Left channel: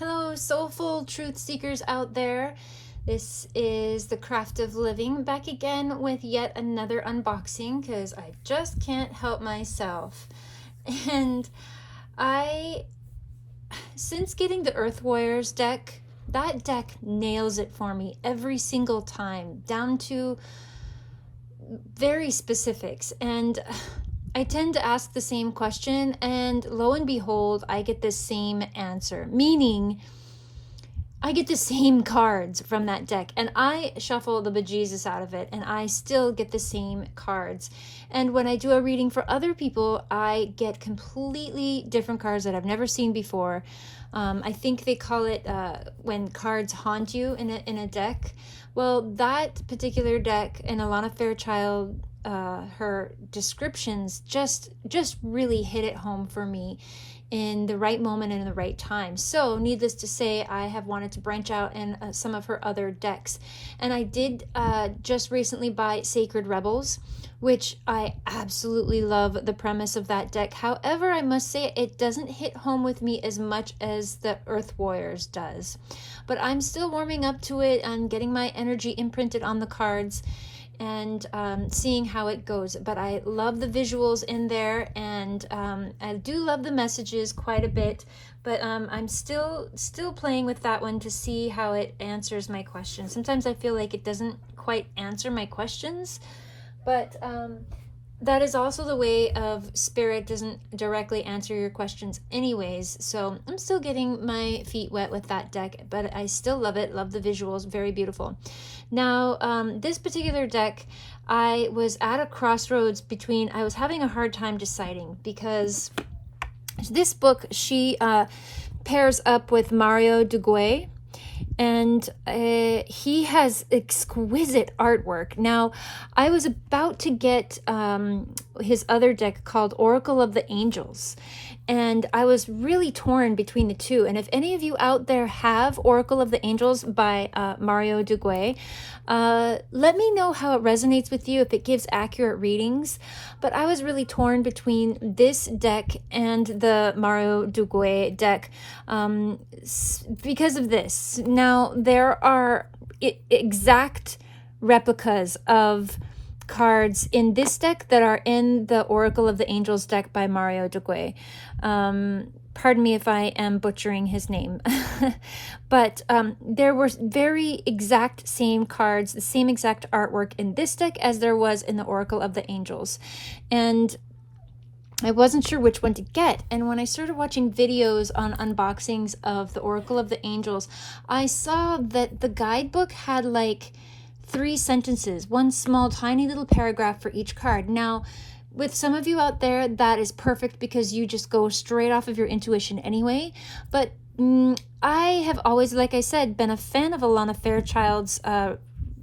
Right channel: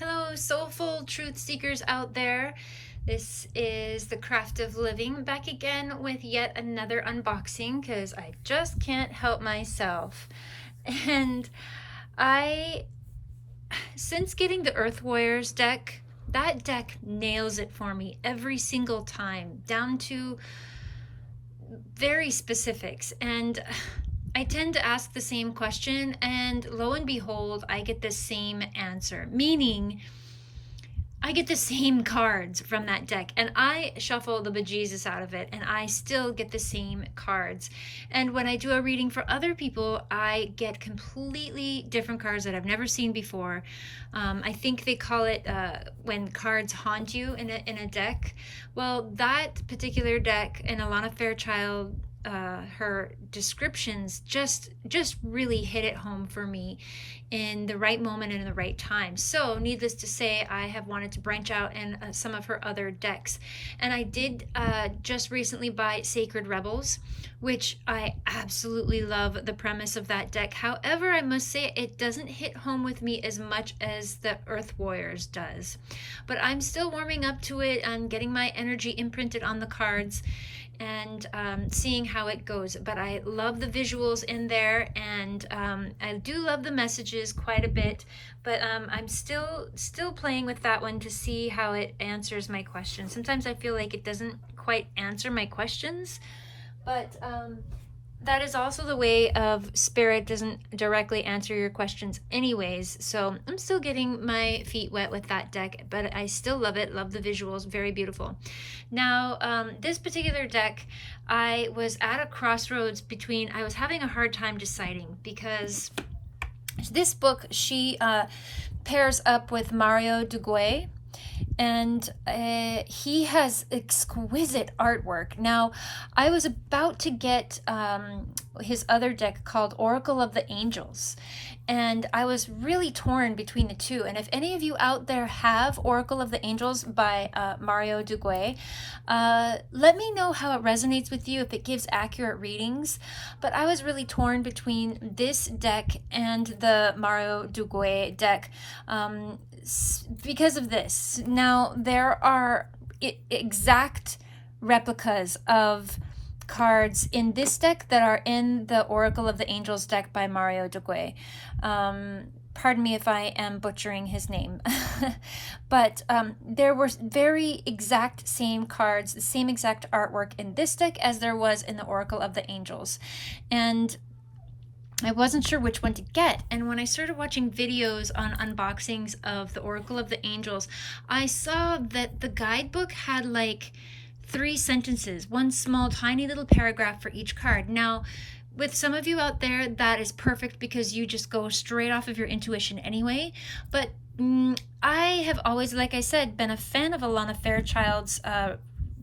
Hello, soulful truth seekers out there. This is the Craft of Living back again with yet another unboxing because I just can't help myself. And since getting the Earth Warriors deck, that deck nails it for me every single time, down to very specifics. And I tend to ask the same question, and lo and behold, I get the same answer, meaning I get the same cards from that deck, and I shuffle the bejesus out of it, and I still get the same cards. And when I do a reading for other people, I get completely different cards that I've never seen before. I think they call it when cards haunt you in a deck. Well, that particular deck, and Alana Fairchild, her descriptions just really hit it home for me in the right moment and in the right time. So needless to say, I have wanted to branch out in some of her other decks, and I did just recently buy Sacred Rebels, which I absolutely love the premise of that deck. However, I must say it doesn't hit home with me as much as the Earth Warriors does, but I'm still warming up to it and getting my energy imprinted on the cards and seeing how it goes. But I love the visuals in there, and I do love the messages quite a bit, but I'm still playing with that one to see how it answers my questions. Sometimes I feel like it doesn't quite answer my questions, but that is also the way of Spirit doesn't directly answer your questions anyways. So I'm still getting my feet wet with that deck, but I still love it, love the visuals, very beautiful. Now, this particular deck, I was at a crossroads between, I was having a hard time deciding, because this book, she pairs up with Mario Duguay, and he has exquisite artwork. Now, I was about to get his other deck called Oracle of the Angels, and I was really torn between the two. And if any of you out there have Oracle of the Angels by Mario Duguay, let me know how it resonates with you, if it gives accurate readings. But I was really torn between this deck and the Mario Duguay deck because of this. Now, there are exact replicas of cards in this deck that are in the Oracle of the Angels deck by Mario Duguay. Pardon me if I am butchering his name. But there were very exact same cards, the same exact artwork in this deck as there was in the Oracle of the Angels. And I wasn't sure which one to get, and when I started watching videos on unboxings of the Oracle of the Angels, I saw that the guidebook had like 3 sentences, one small tiny little paragraph for each card. Now, with some of you out there, that is perfect because you just go straight off of your intuition anyway, but I have always, like I said, been a fan of Alana Fairchild's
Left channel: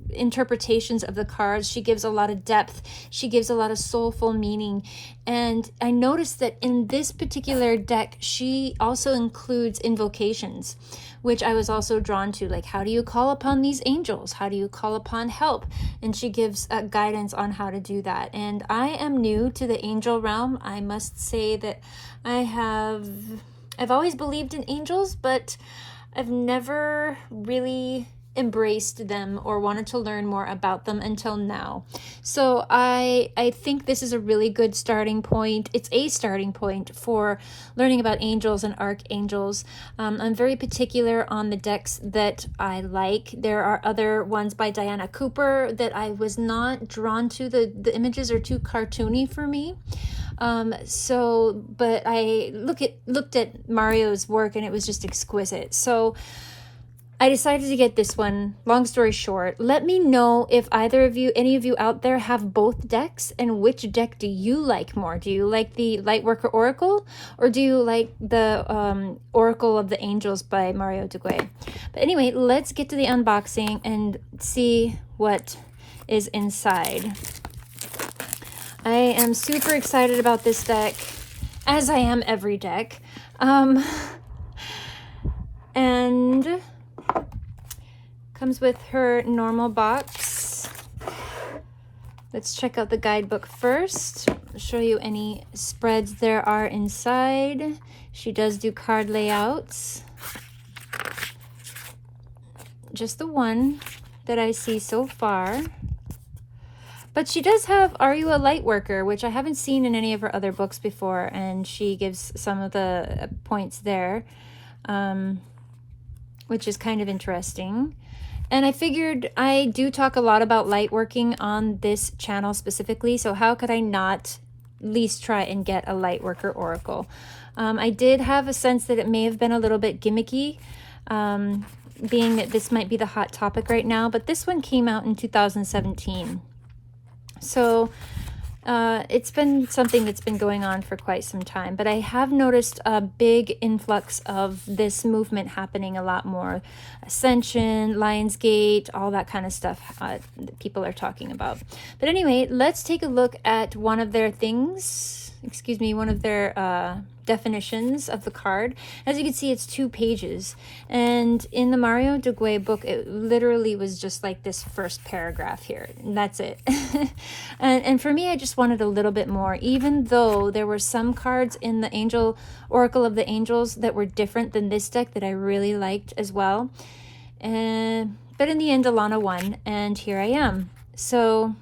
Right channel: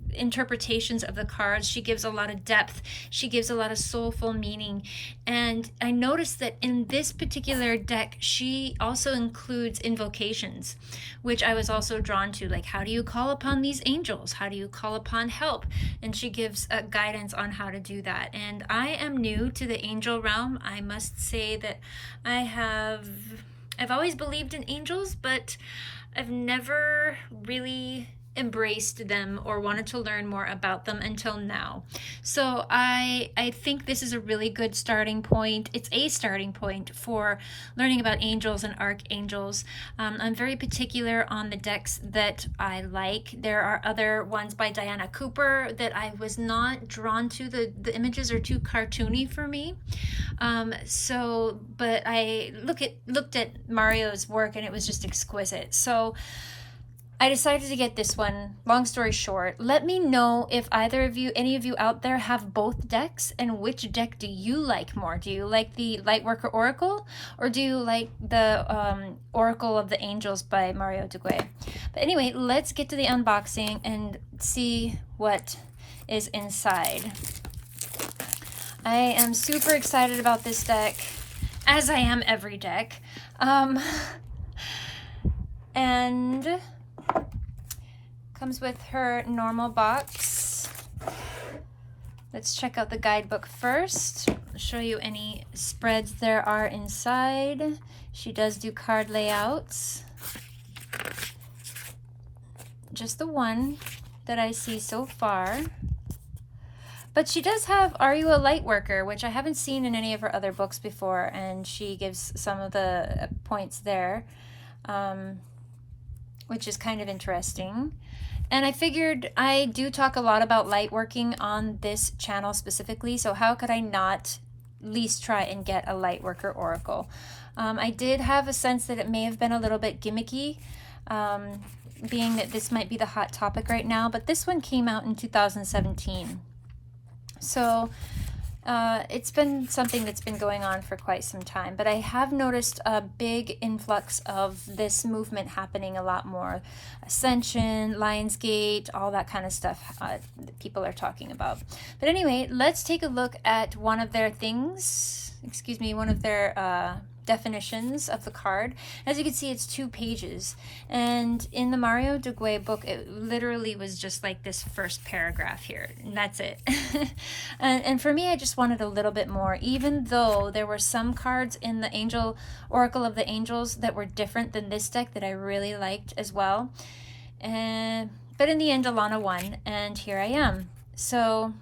interpretations of the cards. She gives a lot of depth, she gives a lot of soulful meaning, and I noticed that in this particular deck she also includes invocations, which I was also drawn to, like how do you call upon these angels, how do you call upon help, and she gives guidance on how to do that. And I am new to the angel realm. I must say that I've always believed in angels, but I've never really embraced them or wanted to learn more about them until now. So I think this is a really good starting point. It's a starting point for learning about angels and archangels. I'm very particular on the decks that I like. There are other ones by Diana Cooper that I was not drawn to. The images are too cartoony for me. But I looked at Mario's work and it was just exquisite. So I decided to get this one. Long story short, let me know if any of you out there have both decks, and which deck do you like more? Do you like the Lightworker Oracle, or do you like the Oracle of the Angels by Mario Duguay? But anyway, let's get to the unboxing and see what is inside. I am super excited about this deck, as I am every deck. And comes with her normal box. Let's check out the guidebook first. I'll show you any spreads there are inside. She does do card layouts. Just the one that I see so far. But she does have Are You a Light Worker, which I haven't seen in any of her other books before, and she gives some of the points there, which is kind of interesting. And I figured I do talk a lot about light working on this channel specifically, so how could I not at least try and get a light worker oracle? I did have a sense that it may have been a little bit gimmicky, being that this might be the hot topic right now, but this one came out in 2017. So it's been something that's been going on for quite some time, but I have noticed a big influx of this movement happening a lot more. Ascension, Lionsgate, all that kind of stuff that people are talking about. But anyway, let's take a look at one of their one of their definitions of the card. As you can see, it's 2 pages, and in the Mario Duguay book it literally was just like this first paragraph here, and that's it. and for me, I just wanted a little bit more, even though there were some cards in the Oracle of the Angels that were different than this deck that I really liked as well. But in the end, Alana won, and here I am. So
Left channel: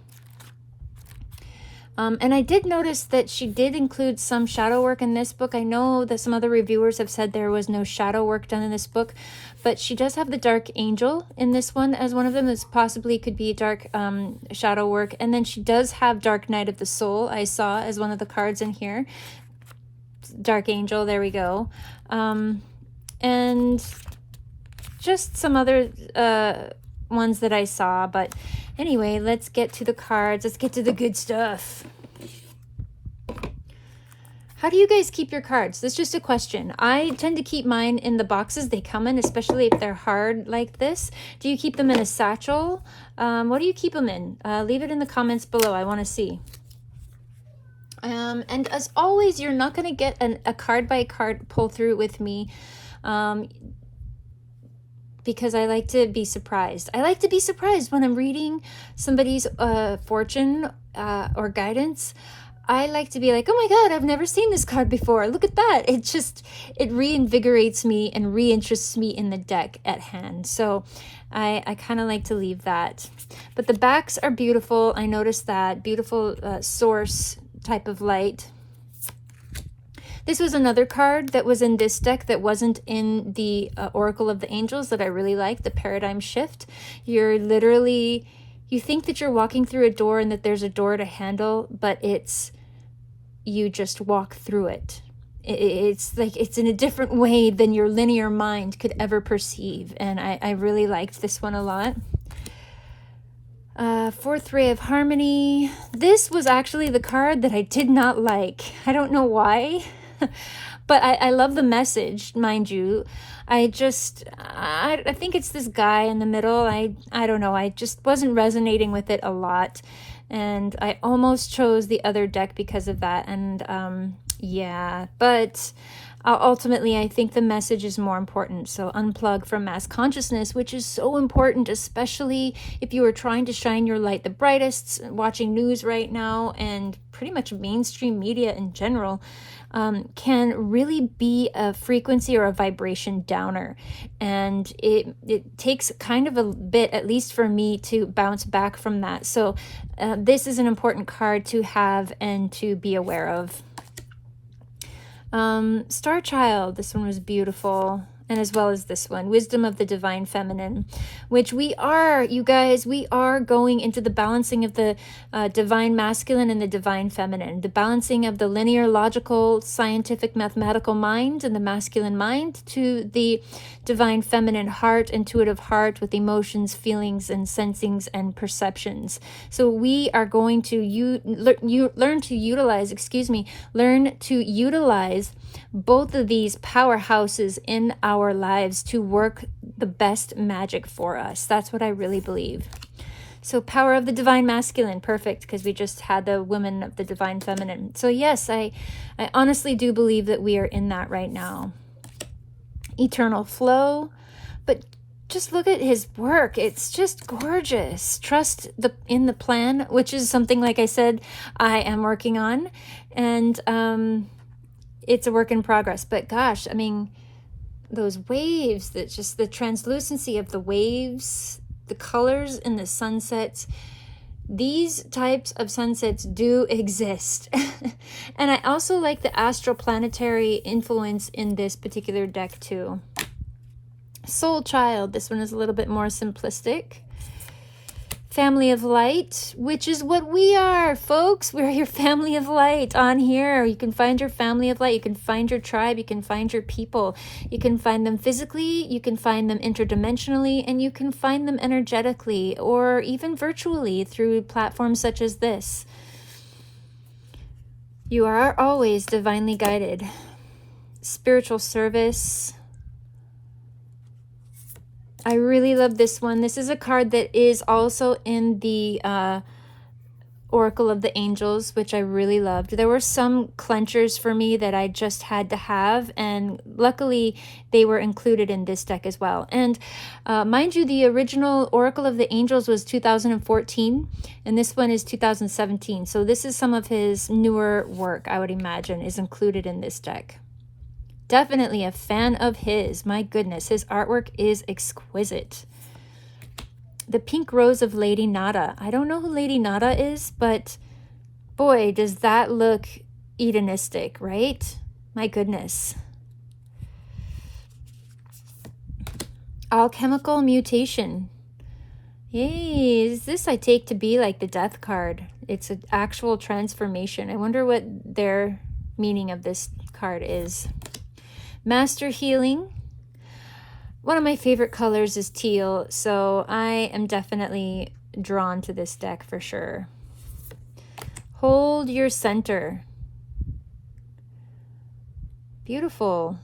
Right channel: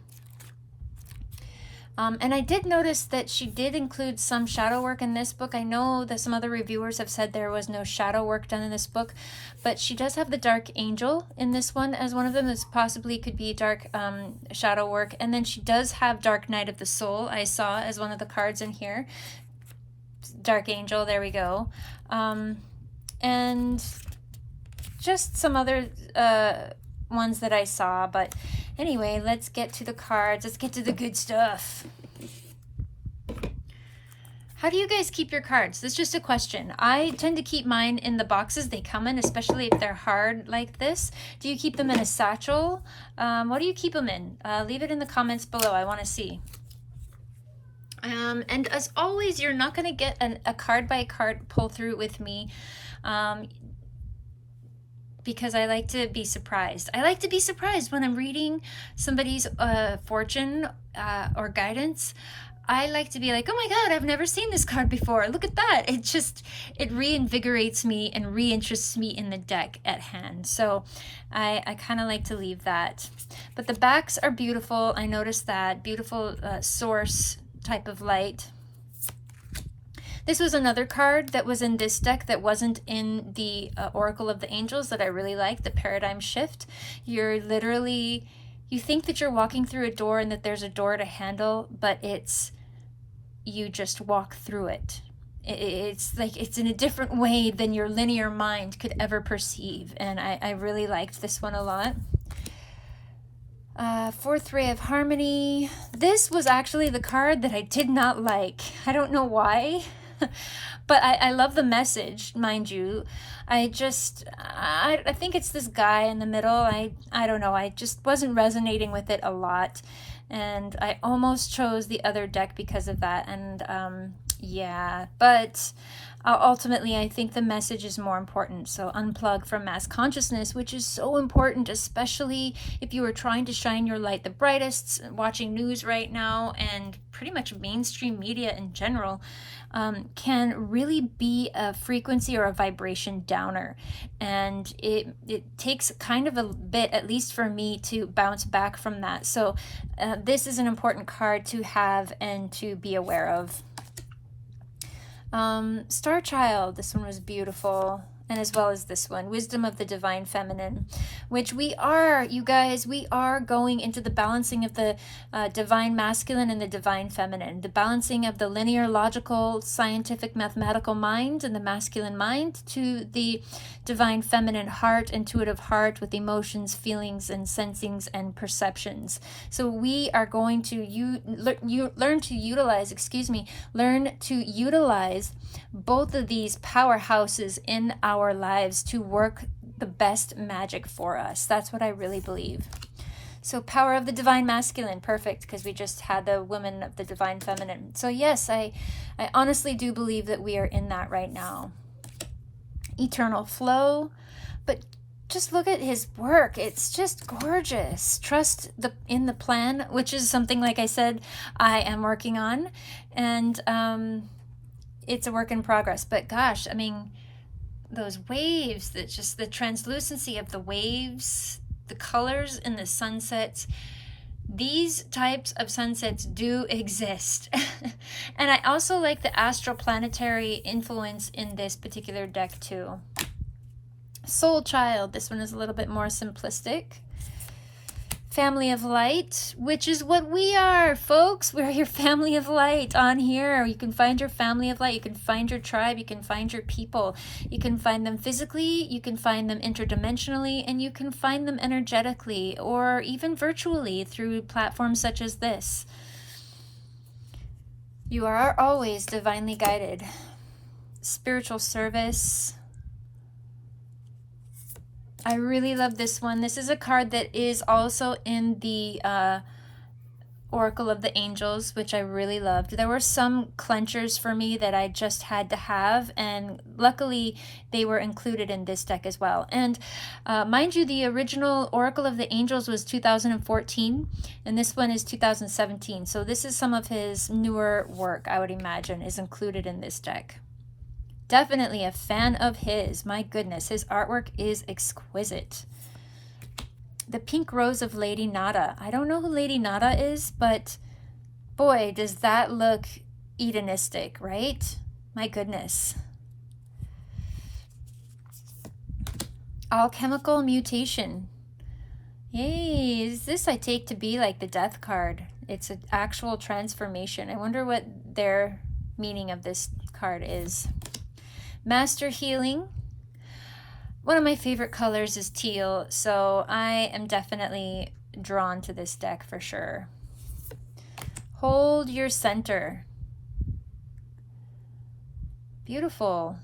and I did notice that she did include some shadow work in this book. I know that some other reviewers have said there was no shadow work done in this book, but she does have the Dark Angel in this one as one of them. As possibly could be dark shadow work. And then she does have Dark Night of the Soul, I saw as one of the cards in here. Dark Angel, there we go. And just some other ones that I saw, but anyway, let's get to the cards. Let's get to the good stuff. How do you guys keep your cards? That's just a question. I tend to keep mine in the boxes they come in, especially if they're hard like this. Do you keep them in a satchel? What do you keep them in? Leave it in the comments below. I want to see. And as always, you're not going to get a card by card pull through with me. Because I like to be surprised. I like to be surprised when I'm reading somebody's fortune or guidance. I like to be like, oh my God, I've never seen this card before. Look at that. It reinvigorates me and reinterests me in the deck at hand. So I kind of like to leave that. But the backs are beautiful. I noticed that. Beautiful source type of light. This was another card that was in this deck that wasn't in the Oracle of the Angels that I really liked, the Paradigm Shift. You think that you're walking through a door and that there's a door to handle, but you just walk through it. It's like it's in a different way than your linear mind could ever perceive, and I really liked this one a lot. Fourth Ray of Harmony. This was actually the card that I did not like. I don't know why. But I love the message, mind you. I think it's this guy in the middle. I don't know. I just wasn't resonating with it a lot. And I almost chose the other deck because of that. And yeah, but ultimately I think the message is more important. So unplug from mass consciousness, which is so important, especially if you are trying to shine your light the brightest, watching news right now, and pretty much mainstream media in general. Can really be a frequency or a vibration downer, and it takes kind of a bit, at least for me, to bounce back from that. So this is an important card to have and to be aware of. Star Child, this one was beautiful, and as well as this one, Wisdom of the Divine Feminine, which you guys, we are going into the balancing of the divine masculine and the divine feminine, the balancing of the linear, logical, scientific, mathematical mind and the masculine mind to the divine feminine heart, intuitive heart with emotions, feelings, and sensings and perceptions. So we are going to learn to utilize both of these powerhouses in our lives to work the best magic for us. That's what I really believe. So power of the divine masculine, perfect, because we just had the women of the divine feminine. So yes, I honestly do believe that we are in that right now. Eternal flow, but just look at his work. It's just gorgeous. Trust in the plan, which is something, like I said, I am working on, and it's a work in progress. But gosh, I mean, those waves, that just the translucency of the waves, the colors in the sunsets. These types of sunsets do exist. And I also like the astroplanetary influence in this particular deck too. Soul Child, this one is a little bit more simplistic. Family of Light, which is what we are, folks. We're your family of light on here. You can find your family of light. You can find your tribe. You can find your people. You can find them physically. You can find them interdimensionally. And you can find them energetically or even virtually through platforms such as this. You are always divinely guided. Spiritual service. I really love this one. This is a card that is also in the Oracle of the Angels, which I really loved. There were some clenchers for me that I just had to have, and luckily they were included in this deck as well. And mind you, the original Oracle of the Angels was 2014, and this one is 2017. So this is some of his newer work, I would imagine, is included in this deck. Definitely a fan of his. My goodness, his artwork is exquisite. The Pink Rose of Lady Nada. I don't know who Lady Nada is, but boy, does that look Edenistic, right? My goodness. Alchemical Mutation. Yay, is this I take to be like the Death card. It's an actual transformation. I wonder what their meaning of this card is. Master Healing. One of my favorite colors is teal, so I am definitely drawn to this deck for sure. Hold Your Center. Beautiful.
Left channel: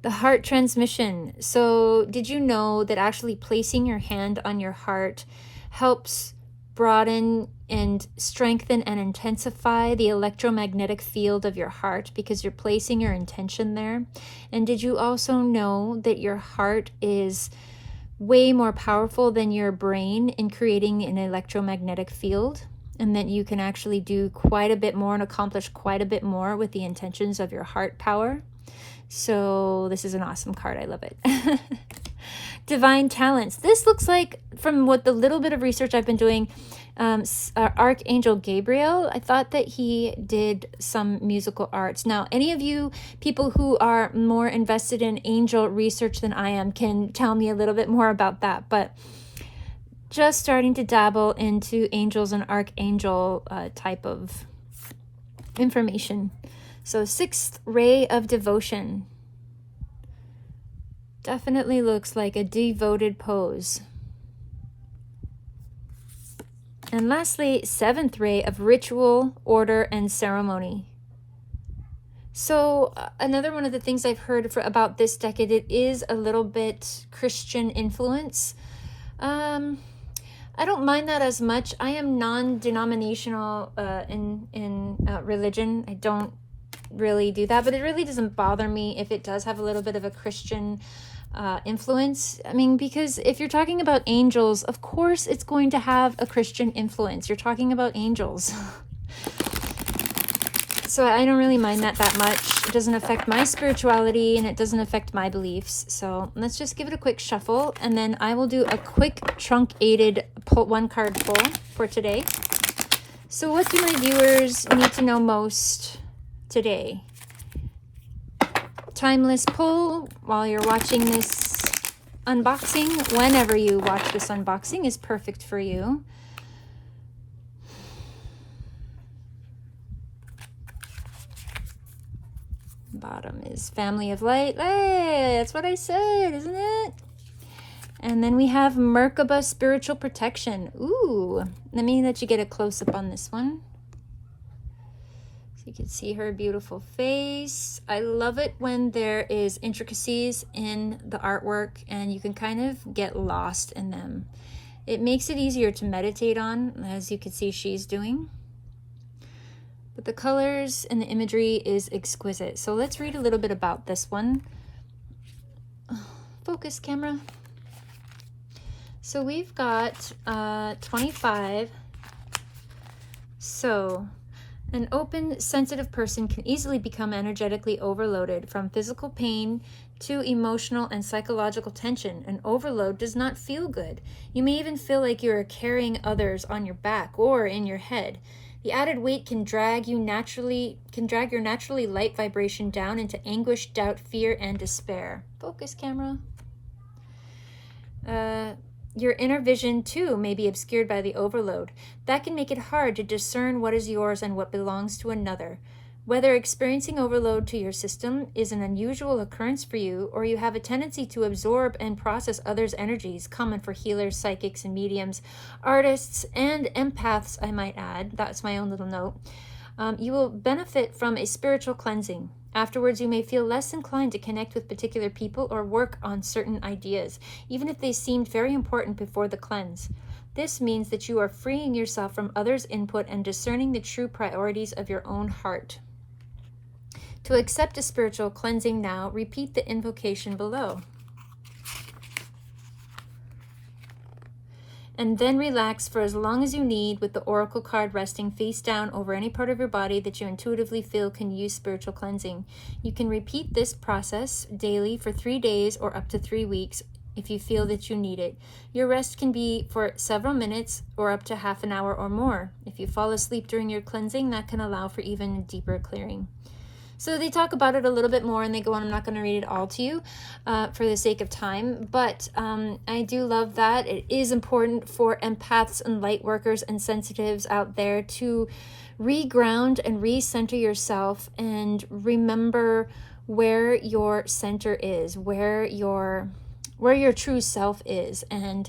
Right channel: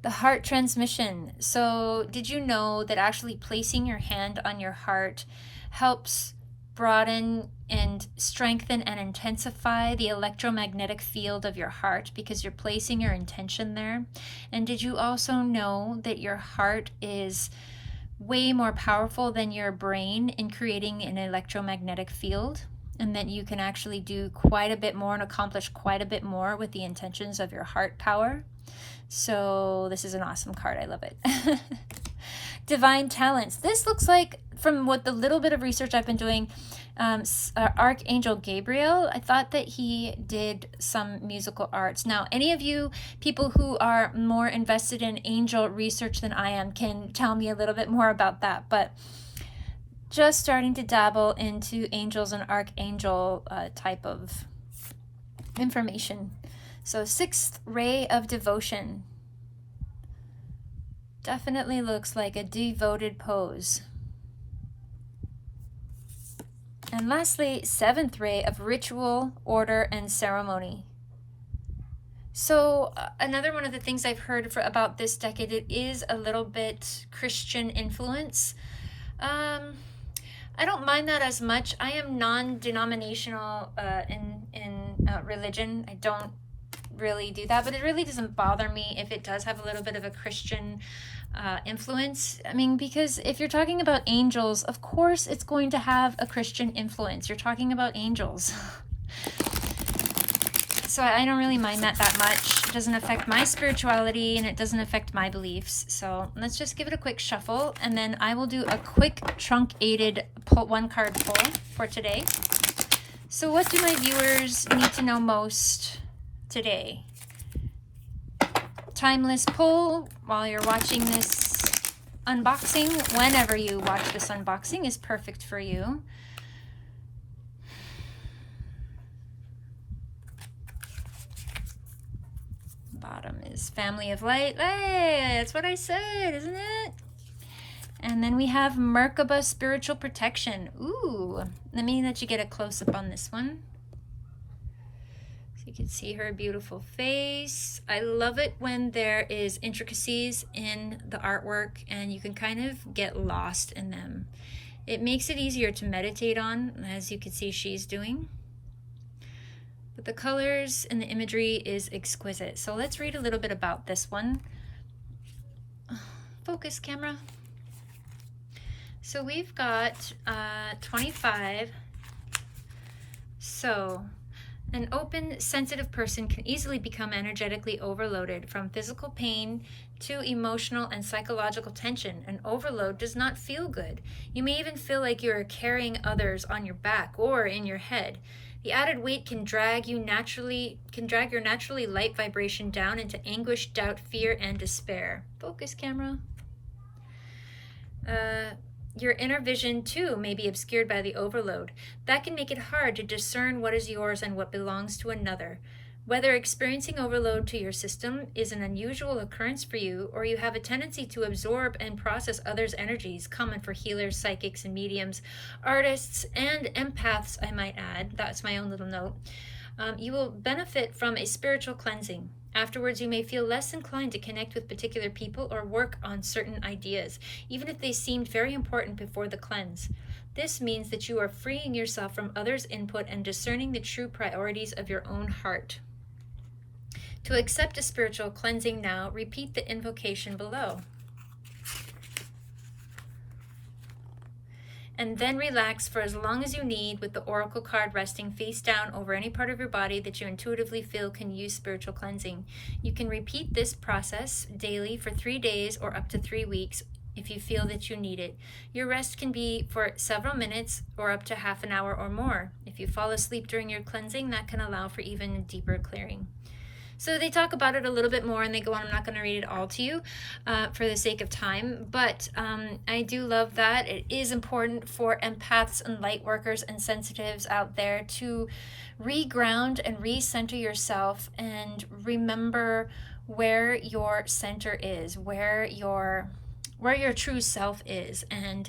The Heart Transmission. So did you know that actually placing your hand on your heart helps broaden and strengthen and intensify the electromagnetic field of your heart because you're placing your intention there? And did you also know that your heart is way more powerful than your brain in creating an electromagnetic field, and that you can actually do quite a bit more and accomplish quite a bit more with the intentions of your heart power? So this is an awesome card. I love it. Divine Talents. This looks like, from what the little bit of research I've been doing, Archangel Gabriel. I thought that he did some musical arts. Now, any of you people who are more invested in angel research than I am can tell me a little bit more about that. But just starting to dabble into angels and archangel type of information. So, Sixth Ray of Devotion. Definitely looks like a devoted pose. And lastly, Seventh Ray of Ritual, Order, and Ceremony. So another one of the things I've heard about this deck, it is a little bit Christian influence. I don't mind that as much. I am non-denominational in religion. I don't really do that, but it really doesn't bother me if it does have a little bit of a Christian influence. I mean, because if you're talking about angels, of course it's going to have a Christian influence. You're talking about angels. So I don't really mind that much. It doesn't affect my spirituality and it doesn't affect my beliefs. So let's just give it a quick shuffle, and then I will do a quick truncated one card pull for today. So what do my viewers need to know most today? Timeless pull while you're watching this unboxing. Whenever you watch this unboxing is perfect for you. Bottom is Family of Light. Hey, that's what I said, isn't it? And then we have Merkaba Spiritual Protection. Ooh, let me let you get a close-up on this one. You can see her beautiful face. I love it when there is intricacies in the artwork and you can kind of get lost in them. It makes it easier to meditate on, as you can see she's doing. But the colors and the imagery is exquisite. So let's read a little bit about this one. Focus, camera. So we've got 25. So An open, sensitive person can easily become energetically overloaded, from physical pain to emotional and psychological tension. An overload does not feel good. You may even feel like you are carrying others on your back or in your head. The added weight can drag your naturally light vibration down into anguish, doubt, fear, and despair. Focus, camera. Your inner vision, too, may be obscured by the overload. That can make it hard to discern what is yours and what belongs to another. Whether experiencing overload to your system is an unusual occurrence for you, or you have a tendency to absorb and process others' energies, common for healers, psychics, and mediums, artists, and empaths, I might add. That's my own little note. You will benefit from a spiritual cleansing. Afterwards, you may feel less inclined to connect with particular people or work on certain ideas, even if they seemed very important before the cleanse. This means that you are freeing yourself from others' input and discerning the true priorities of your own heart. To accept a spiritual cleansing now, repeat the invocation below. And then relax for as long as you need, with the oracle card resting face down over any part of your body that you intuitively feel can use spiritual cleansing. You can repeat this process daily for 3 days or up to 3 weeks if you feel that you need it. Your rest can be for several minutes or up to half an hour or more. If you fall asleep during your cleansing, that can allow for even deeper clearing. So they talk about it a little bit more and they go on. I'm not going to read it all to you for the sake of time, but I do love that. It is important for empaths and light workers and sensitives out there to reground and recenter yourself and remember where your center is, where your true self is. And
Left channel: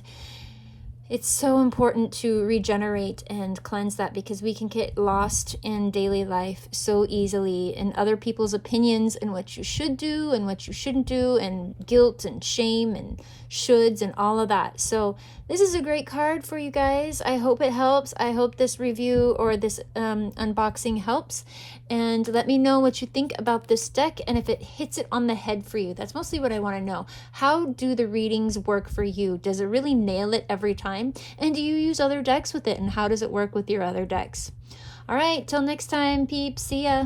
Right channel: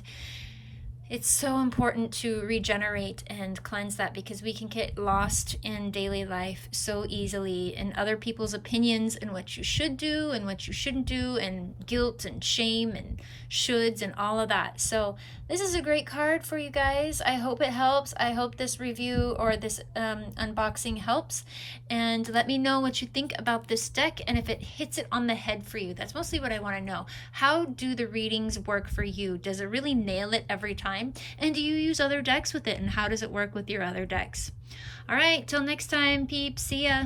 it's so important to regenerate and cleanse that, because we can get lost in daily life so easily in other people's opinions and what you should do and what you shouldn't do, and guilt and shame and shoulds and all of that. So this is a great card for you guys. I hope it helps. I hope this review or this unboxing helps. And let me know what you think about this deck and if it hits it on the head for you. That's mostly what I want to know. How do the readings work for you? Does it really nail it every time? And do you use other decks with it? And how does it work with your other decks? All right, till next time, peeps. See ya.